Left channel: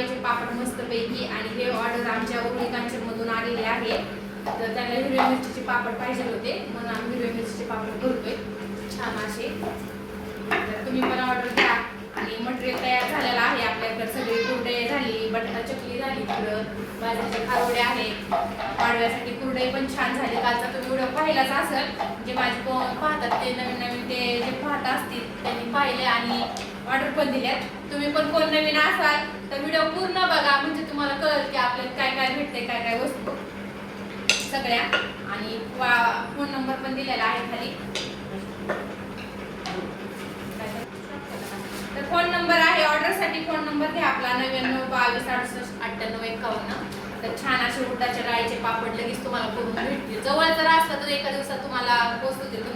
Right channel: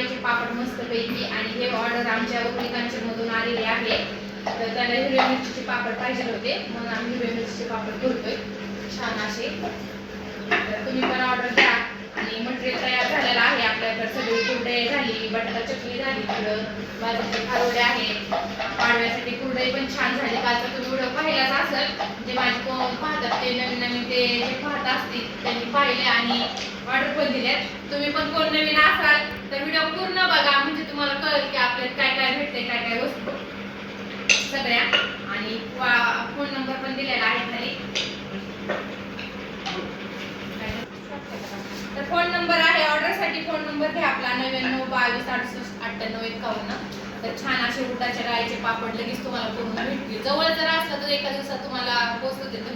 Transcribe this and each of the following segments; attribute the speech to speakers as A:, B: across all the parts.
A: राईचे पापड मस्त पैकी आणि हे ऑर्डर आमच्या उघडीकांच्या मधून आलेले आहे. तर त्याला हिरव्या मिरचीचे पापड पाहिजे होते. म्हणून आम्ही हिरव्या मिरचीचे पापड करतोय छान असे. तर तुम्ही पण ऑर्डर द्या आणि मटेरियल तयार झालेलं आहे. आपल्याकडे सगळी कुरडे झाली बटाटा चटणी झाली थोडं बाजूचे खारोडे आहेत पाडव्यासाठी कुरडे पण छान झाले. कालचा तुम्ही व्हिडिओ पाहिलाच असेल. जे माझे पाहतात ते नवीन नवीन ते जे पाहत असतील त्यांनी पाहिले आणि ऑर्डर पण दिल्यात. तुम्ही पण कोण नवीन असाल तर व्हिडिओ पूर्ण बघा. म्हणजे तुम्हाला कळेल की आपल्याला काय काय भेटते काय काय वस्तू. सगळ्या. आणि फोन नंबर पण दिलेला आहे खाली. तर फोन नंबर आहे ऑर्डरसाठी. फोन नंबर घ्या आपला. नव्याण्णव बावीस अडुसष्ट अठ्ठ्याण्णव एकावन्न. तर छान असे उठाचे राळीचे पापड लगेच तुम्हाला करून भेटतील. जवळ जर असलं तर एका दिवसात तुम्हाला पोहोचवतील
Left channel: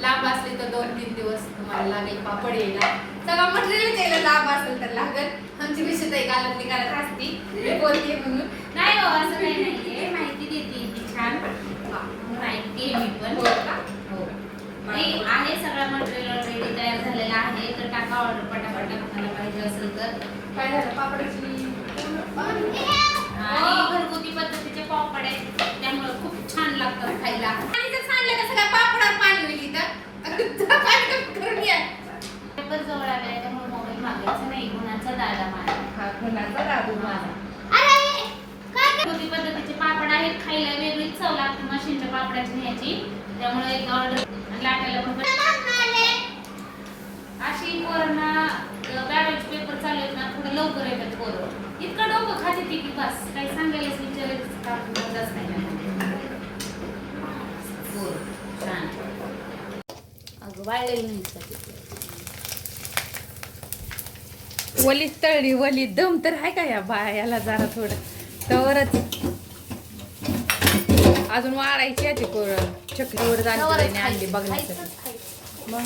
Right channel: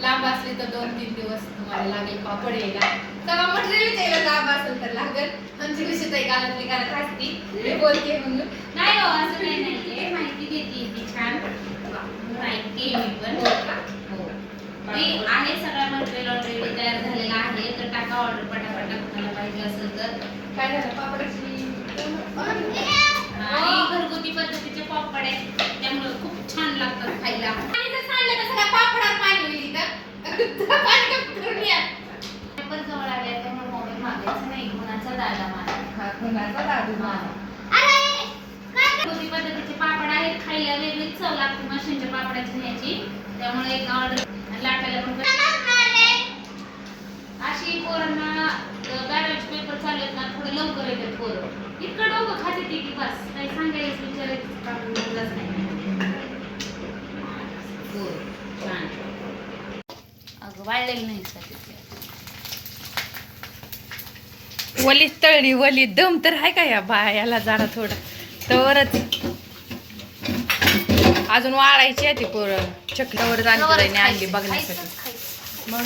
A: लांब असली तर दोन तीन दिवस तुम्हाला लागेल पापड यायला. सगळं मटेरियल यायला लांब असेल तर लागेल. आमची विषय ताई गालातली करत असती. मी बोलते म्हणून.
B: नाही हो असं काही नाहीये. माहिती देते ती छान.
A: हा.
B: माहिती मी पण.
A: हो का?
B: हो. ते आहे सगळं मटेरियल ऑलरेडी तयार झालेलं आहे. तर टाका ऑर्डर पटापट. तुम्हाला पाहिजे असेल तर.
A: काय झालं? पापडाची
B: आणि घरगुती पद्धतीचे पापड आहेत त्यामुळे खूप छान लागतात खायला
A: आणि जर सांडलं तर सगळ्या पापडात पाणी होईल इथं तर पाणी कमी करून या
B: पेपर जवळ आले त्यामुळे मोबाईल मागायचा नाही. गुणाचा दादा माझा
A: हा कुणाचा दादू माझा
B: घरगुती पद्धतीचे पापड आहेत खायला वेगळीच चव लागते मशीनच्या पापडाची ह्याची त्यामुळे एक ऑर्डर लाटायला पण अशी पोरांना गार्बेज पेपर चालू आहेत ना थोडं लवकर येतात पोरं. इतकं डोकं खाते ती की बस. काही सांगायलाच विचारायचं काम मजाच नाही पोरं, छान अगं वाळलेलं नाही का तिथे?
A: वली तळली वली दम तर आहे का या बायाला जरा थोडं. तवरच. अजून वाळायची आहे ती पोरं. चक्रावरच आणली आणली बघण्यासाठी. मग?